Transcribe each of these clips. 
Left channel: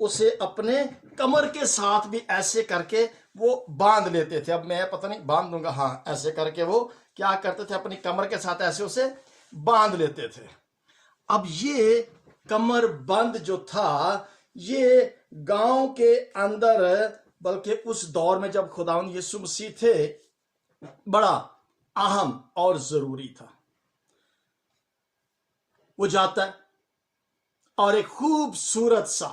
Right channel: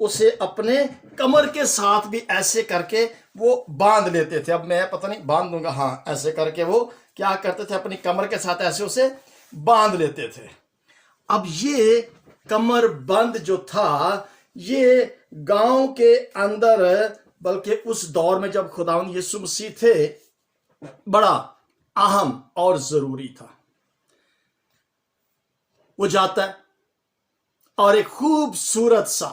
اسے اپنے کمر کے ساتھ بھی ایسے کر کے وہ باندھ لیتے تھے. اب میں پتہ نہیں باندھ دوں گا, ہاں ایسے کر کے وہ کیا کرتے تھے, اپنی کمر کے ساتھ ایسے اسے باندھ لیتے تھے. اب یہ کمر بند جو تھا یہ گاؤں کے اندر, بلکہ اس دور میں جب خداوند یسوع مسیح تھے, بڑا اہم اور ضروری تھا. وہ جاتا ہے اور ایک خوبصورت سا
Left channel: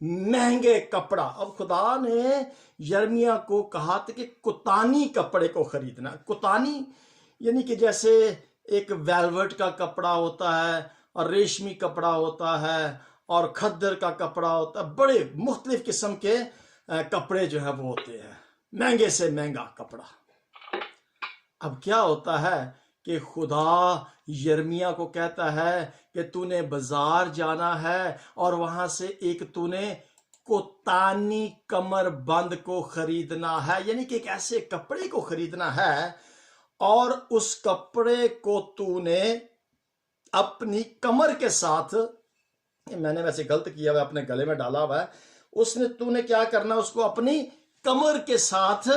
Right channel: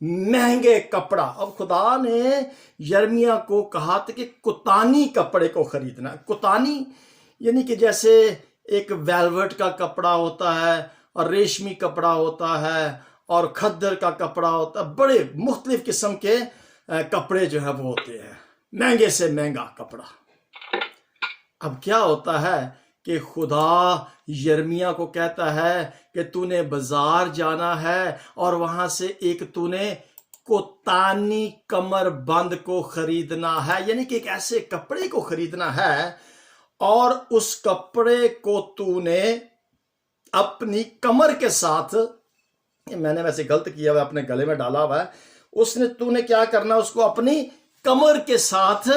مہنگے کپڑا, اب خدا نے یرمیا کو کہا تھا کہ کتانی کپڑے کو خریدنا ہے. کتانی یعنی کہ جیسے ایک ویلوٹ کا کپڑا ہوتا ہے اور ریشمی کپڑا ہوتا ہے اور کھدر کا کپڑا ہوتا ہے, بڑے مختلف قسم کے کپڑے جو ہے وہ ہوتے ہیں, مہنگے سے مہنگا کپڑا. اب کیا ہوتا ہے کہ خدا یرمیا کو کہتا ہے کہ تو نے بازار جانا ہے اور وہاں سے ایک تو نے کوتانی کمر بند کو خریدنا ہے, یعنی کہ ایک ایسے کپڑے کو خریدنا ہے اور اس کپڑے کو تو نے اپنی کمر کے ساتھ, میں نے ویسے غلط کیا ہوا ہے, اپنے گلے میں ڈالا ہوا ہے, تو نے کیا کرنا, اس کو اپنی کمر کے ساتھ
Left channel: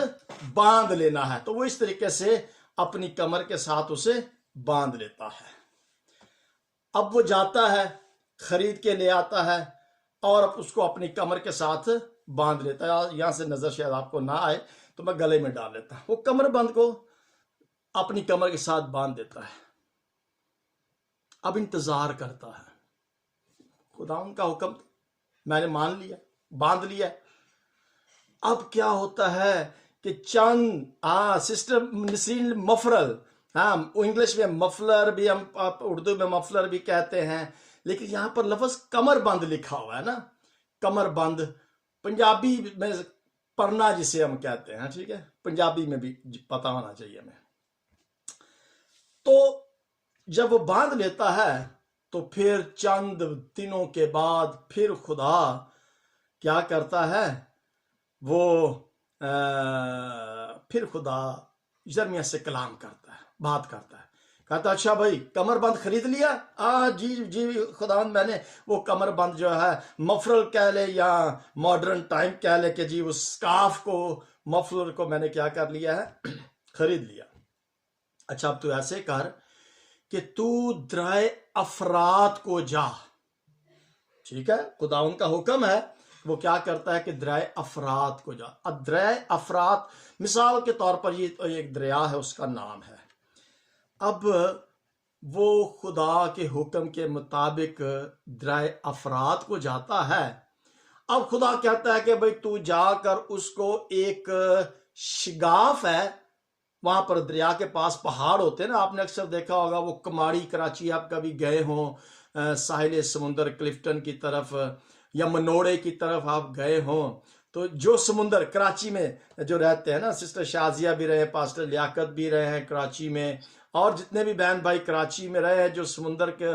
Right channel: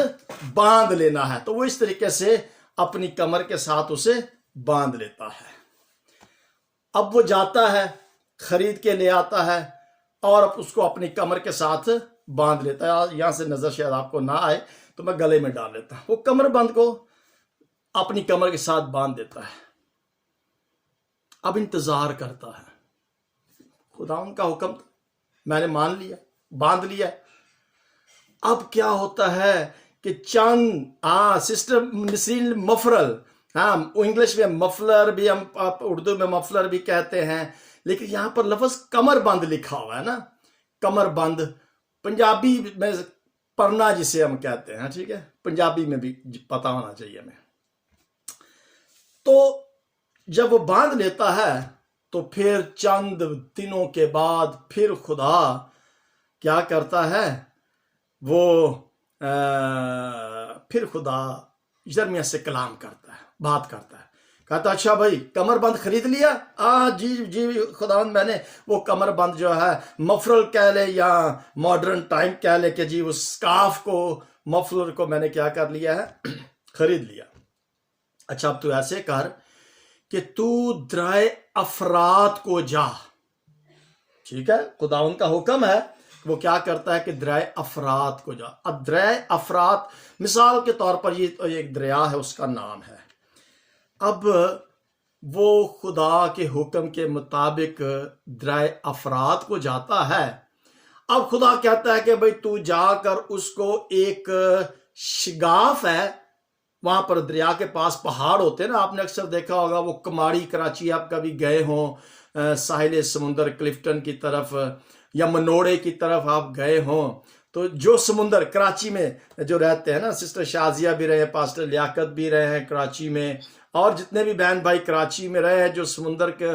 باندھ لینا ہے. تو وہ اس طریقے سے اپنی کمر کے ساتھ اسے باندھ لیتا ہے. اب وہ جاتا ہے, خرید کے لے آتا ہے اور اب اس کو اپنی کمر کے ساتھ باندھ لیتا ہے. یہاں سے نظر شاید آپ کو نہ آئے تو میں گلے میں ڈال لیتا ہوں. وہ کمر بند کو اپنی کمر کے ساتھ باندھ دیتا ہے. اب انتظار کرتا ہے, خدا ان کا حکم میں نے مان لیا, باندھ لیا. اب کیا ہوتا ہے کہ چند سسٹر نسرین مفرل, انگلش میں مفلر بھی, ہم اردو میں مفلر بھی کہتے ہیں, لیکن یہاں پر لفظ کمر بند لکھا ہوا ہے نا, کمر بند. پنجابی میں پرنا جسے ہم کہتے ہیں, ٹھیک ہے, پنجابی میں بھی پتا ہونا چاہیے ہمیں. تو جب وہ باندھ لیتا ہے تو پھر چند دنوں کے بعد پھر خدا کیا کرتا ہے, وہ پھر خدا یرمیا سے کلام کرتا ہے, بات کرتا ہے. کہتا اچھا بھائی کمر بند خرید لیا؟ جی خداوند میں نے وہ کمر بند جو ہے مفرل کہہ لے یا ماڈرن ٹائم کہہ لے کہ جی اس سکارف کو, مفلر کو میں نے کیا کر لیا ہے, خرید لیا. اچھا اب تو ایسے کر کہ تو درائے افراد کو جا. ٹھیک ہے, خداوند کا حکم ہے, وہ کیا کرتا ہے کہ درائے افراد کو جا. اب درائے افراد مثال کے طور پر یہ ایک دریا ہے, اس کا نام ہے. اب وہ خدا کے حکم کے مطابق درائے افراد کو جاتا ہے. اب خدا کہتا ہے کہ بھئی تو جا کر اس کو ایک شگاف ہے, وہاں پر دریا کے پاس پہاڑ ہوتے ہیں نا, آپ نے اکثر دیکھا ہوگا, وہ کماڑی کراچی آپ کبھی گئے ہوں ساحل سمندر کلفٹن کی طرف یا منوڑے کی طرف آپ گئے ہوں, تو جو سمندر کراچی میں جو رہتے ہیں نا, سسٹر شازیہ بھی رہے ہیں, پاسٹر لیاقت بھی رہے ہیں کراچی میں, اور جتنے بھی بہن بھائی کراچی میں رہے ہیں جو سمندر کے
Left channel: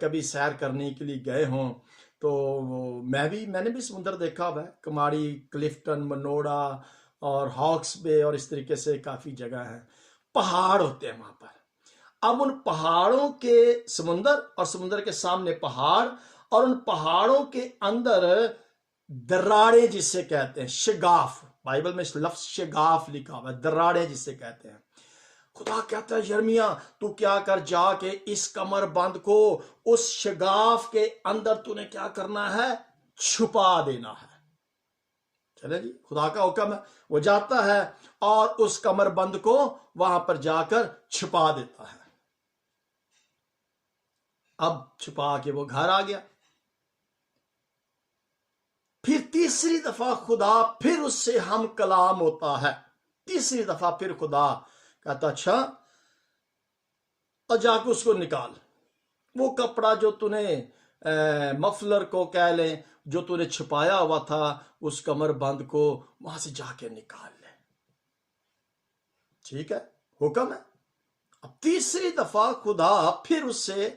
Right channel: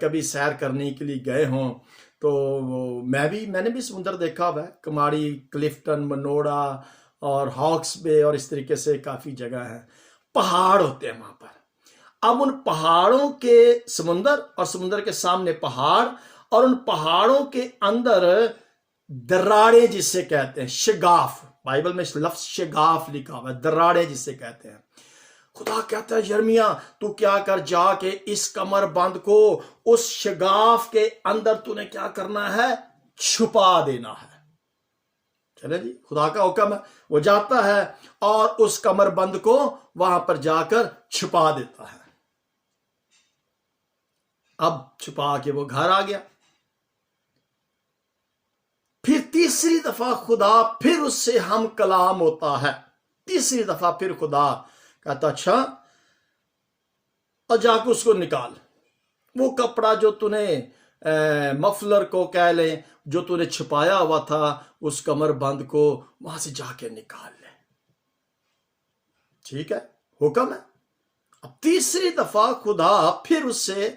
کبھی سیر کرنے کے لیے گئے ہوں, تو میں نے بھی سمندر دیکھا ہوا ہے, کماڑی, کلفٹن, منوڑا اور ہاکس بے اور اس طریقے سے کافی جگہ ہیں, پہاڑ ہوتے ہیں وہاں پر. اب ان پہاڑوں کے سمندر اور سمندر کے سامنے پہاڑ, اور ان پہاڑوں کے اندر دراڑے جسے کہتے ہیں, شگاف, بائبل میں لفظ شگاف لکھا ہوا ہے, دراڑے جسے کہتے ہیں. خدا کہتا ہے یرمیا تو کیا کر, جا کے اس کمر بند کو اس شگاف کے اندر تو نے کیا کرنا ہے, چھپا دینا ہے. چلے جی, خدا کا حکم ہے, وہ جاتا ہے اور اس کمر بند کو وہاں پر جا کر چھپا دیتا ہے. اب چھپا کے وہ گھر آ گیا. پھر تیسری دفعہ خدا پھر اس سے ہم کلام ہوتا ہے. تیسری دفعہ پھر خدا کہتا اچھا اور جا کے اس کو نکال, وہ کپڑا جو تو نے مفلر کو کہہ لیں جو تو نے چھپایا ہوا تھا, اس کمر بند کو وہاں سے جا کے نکال لے. ٹھیک ہے, حکم ہے. اب تیسری دفعہ خدا پھر اس سے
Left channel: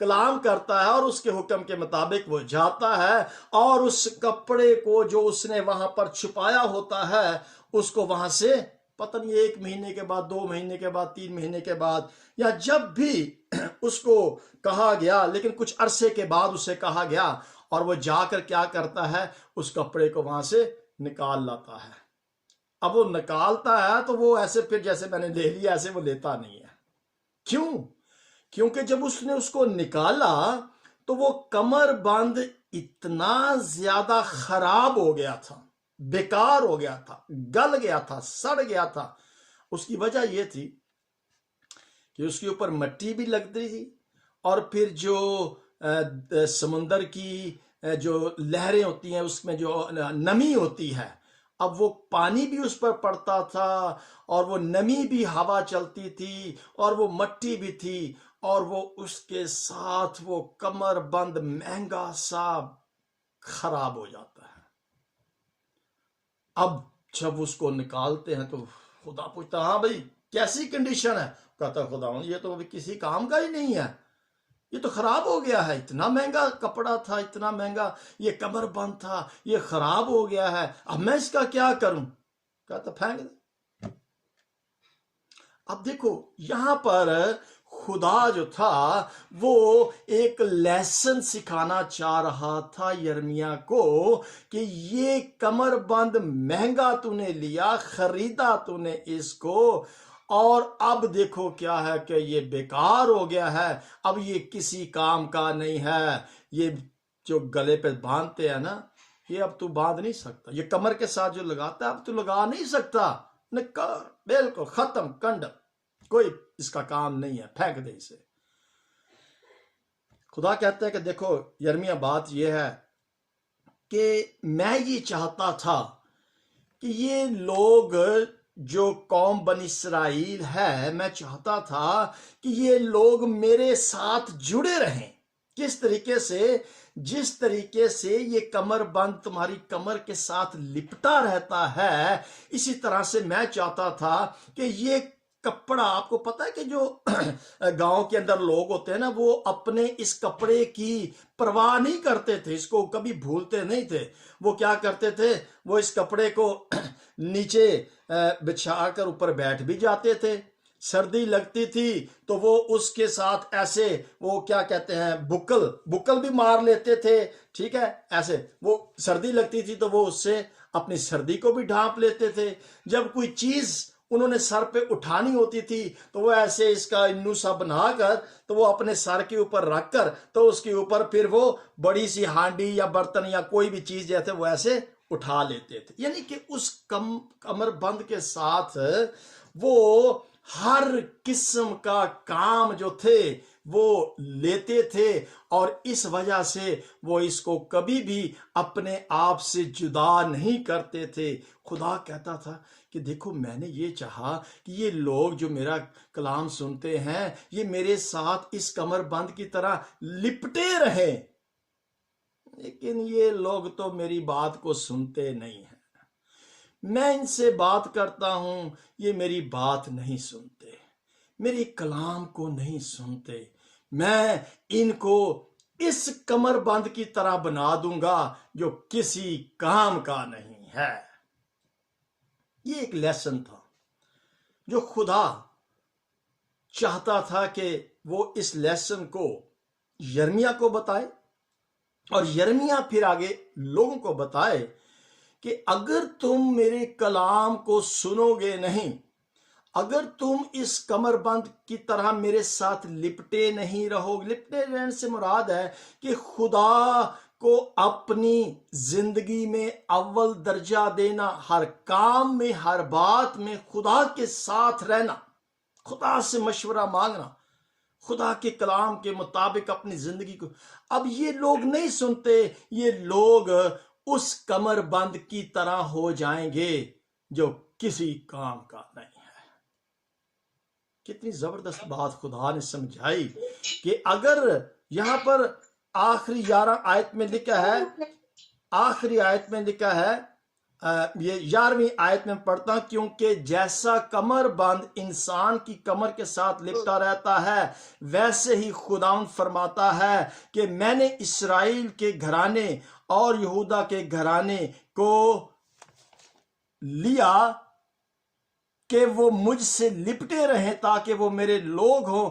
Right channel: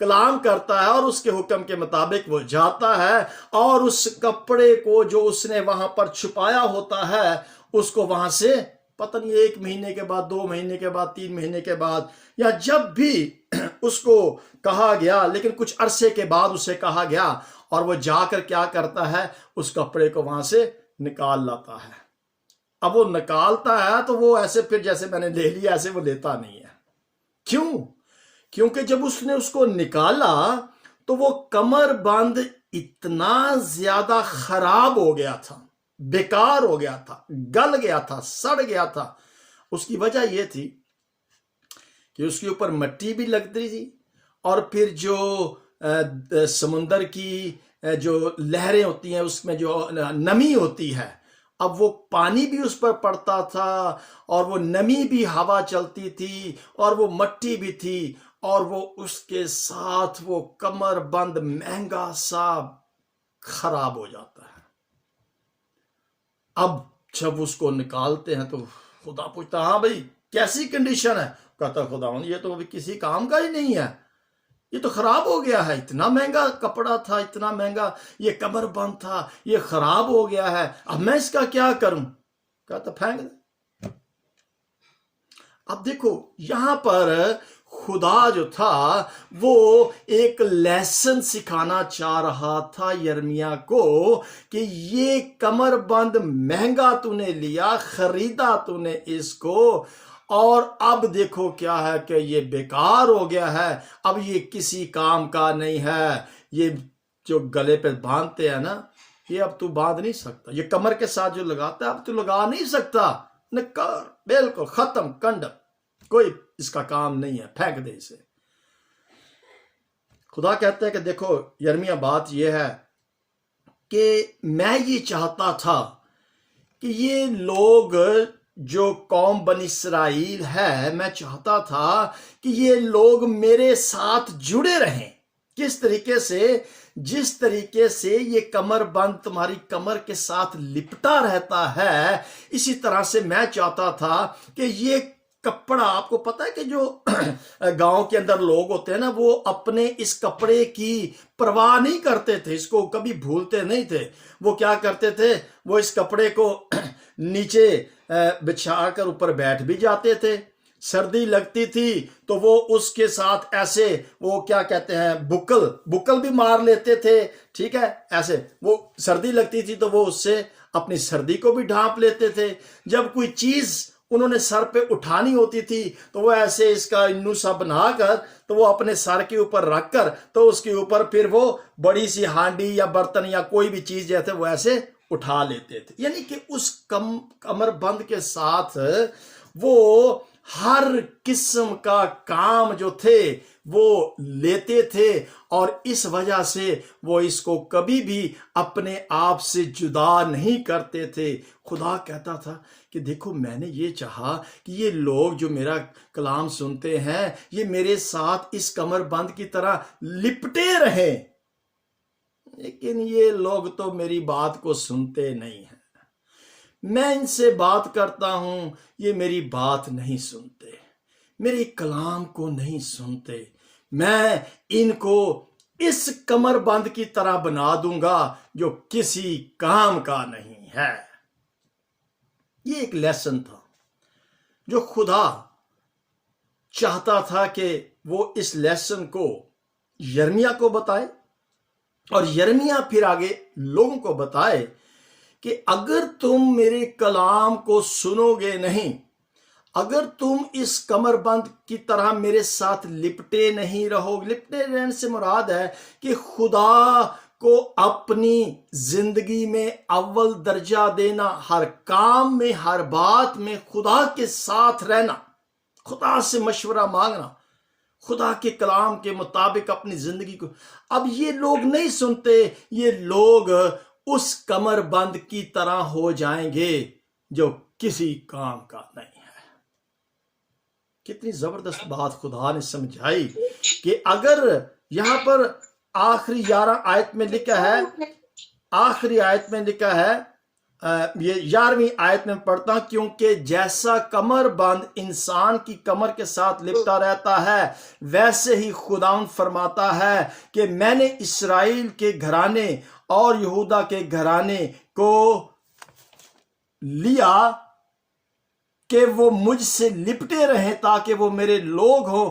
کلام کرتا ہے اور اس کے حکم کے مطابق وہ جاتا ہے اور اس کپڑے کو جو اس نے وہاں پر چھپایا ہوتا ہے اس کو وہاں سے پتہ نہیں 1 مہینے کے بعد, 2 مہینے کے بعد, 3 مہینے کے بعد, یا جب بھی اس کو کہا گیا, لیکن کچھ عرصے کے بعد اسے کہا گیا اور وہ جا کر کیا کرتا ہے, اس کپڑے کو وہاں سے نکال لاتا ہے. اب وہ نکالتا ہے تو وہ ایسے پھر جیسے میں نے لے لیا ایسے وہ لیتا نہیں ہے. کیوں؟ کیونکہ جب اس نے اس کو نکالا تو وہ کمر بند اتنا زیادہ خراب ہو گیا تھا, بیکار ہو گیا تھا, گل گیا تھا, سڑ گیا تھا. اس کی وجہ یہ تھی کہ اس کے اوپر مٹی بھی لگتی تھی, اور پھر جو سمندر کی جو لہریں ہوتی ہیں اس میں جو نمی ہوتی ہے, اب وہ پانی بھی اس پر پڑتا تھا, اور وہ نمی بھی ہوا چلتی تھی, اور وہ مٹی بھی تھی, اور وہ اس کے ساتھ وہ کمر بند مہنگا سا خراب ہو جاتا ہے. اب جب اس کو نکالتے ہیں تو خدا پوچھتا, ہاں بھائی کیسی کنڈیشن ہے؟ کہتا خدا یہ تو ابھی کسی کام کا ہی نہیں ہے, یہ تو خراب ہو گیا ہے, اتنا مہنگا کپڑا تھا, اتنا مہنگا یہ کمر بند تھا, یہ خراب ہو گیا ہے, اب میں اس کا کیا کروں؟ کہتا پھینک دے. اب دیکھو یہاں پر خدا جو تھا وہ ایک لیسن سکھانا چاہ رہا تھا یرمیا کو کہ یہ کمر بند مہنگا تو نے لیا, خریدا تو نے اس کو, اور اب دیکھو کیا ہے کہ یہ بیکار ہو گیا ہے, اب یہ کسی کام کا نہیں ہے. یہ جو گلے پہ باندھتے ہیں نا, یہ اب تو باندھ نہیں سکتا. یہ کمر کے ساتھ جو لگاتا ہے اب تو لگا نہیں سکتا, نکار, بالکل ختم, کنڈ, کوئی اس کا کام نہیں ہے, پھینک دے اسے. خدا کہتا ہے کہ دیکھو یرمیا بات یہ ہے کہ میں یہ چاہتا تھا کہ یہ لوگ جو قوم بنی اسرائیل ہے, میں چاہتا تھا کہ یہ لوگ میرے ساتھ جڑے رہیں. کس طریقے سے؟ جس طریقے سے یہ کمر بند تمہاری کمر کے ساتھ لپٹا رہتا ہے, اسی طرح سے میں چاہتا تھا کہ یہ کپڑا, آپ کو پتا ہے کہ جو گاؤں کے اندر لوگ ہوتے ہیں نا, وہ اپنے اس کپڑے کی پرواہ نہیں کرتے تھے, اس کو کبھی بھولتے نہیں تھے. وہ کیا کرتے تھے, وہ اس کپڑے کو نیچے بچھا کر اوپر بیٹھ بھی جاتے تھے. سردی لگتی تھی تو وہ اس کے ساتھ ایسے وہ کیا کہتے ہیں بکل بھی مار لیتے تھے, ٹھیک ہے, ایسے وہ سردی لگتی تھی تو وہ اس سے اپنی سردی کو بھی ڈھانپ لیتے تھے. جب کوئی چیز انہوں نے سر پہ اٹھانی ہوتی تھی تو وہ ایسے اس کا انو سا بنا کر تو وہ اپنے سر کے اوپر رکھ کر تو اس کے اوپر پھر وہ بڑی سی ہانڈی یا برتن یا کوئی بھی چیز جیسے وہ ایسے اٹھا لیتے تھے. یعنی کہ اس کمر بند کے ساتھ وہ ہر قسم کا کام جو تھے وہ لیتے تھے, اور اس وجہ سے وہ اس کو کبھی بھی اپنے آپ سے جدا نہیں کرتے تھے. خدا کہتا تھا کہ دیکھو میں نے یہ چاہا کہ یہ لوگ جو میرا کلام سنتے ہیں یہ میرے ساتھ اس کمر بند کی طرح لپٹے رہیں, لیکن یہ لوگ تو میری بات کو سنتے نہیں ہیں. میں ان سے بات کرتا ہوں, یہ میری بات نہیں سنتے, میرے کلام کو نہیں سنتے. میں ان کو اس کمر بند کی طرح بنا دوں گا جو کسی کام کا نہیں ہے. یہ ایک لیسن تھا جو خدا چاہتا تھا کہ وہ اس لیسن کو یرمیا کو بتائے, اور یرمیا پھر آگے لوگوں کو بتائے کہ اگر تم میرے کلام کو سنو گے نہیں, اگر تم اس کمر بند کی طرح میرے ساتھ لپٹے نہیں رہو. لپٹے رہنے سے مراد ہے کہ خدا کو اپنی زندگی میں اول درجہ دینا, ہر کام میں, ہر بات میں خدا کے ساتھ رہنا, خدا سے مشورہ مانگنا, خدا کے کلام کے مطابق اپنی زندگی کو. اب یہ لوگ نہیں سنتے, یہ لوگ اس کمر بند کی طرح ہو جائیں گے جو کسی کام کا نہیں ہے. کتنی زبردست بات خدا نے سمجھائی کہ اگر یہاں پر آخری 11 آیت میں لکھا ہے, آخری آیت میں لکھا ہے, یہ 11ویں آیت میں پڑھتا ہوں, کیونکہ جیسا کمر بند انسان کی کمر کے ساتھ لپٹا رہتا ہے ویسے ہی خداوند فرماتا ہے کہ میں نے اسرائیل کے گھرانے اور یہودا کے گھرانے کو لیا کہ وہ مجھ سے لپٹے رہیں تاکہ وہ میرے لوگ ہوں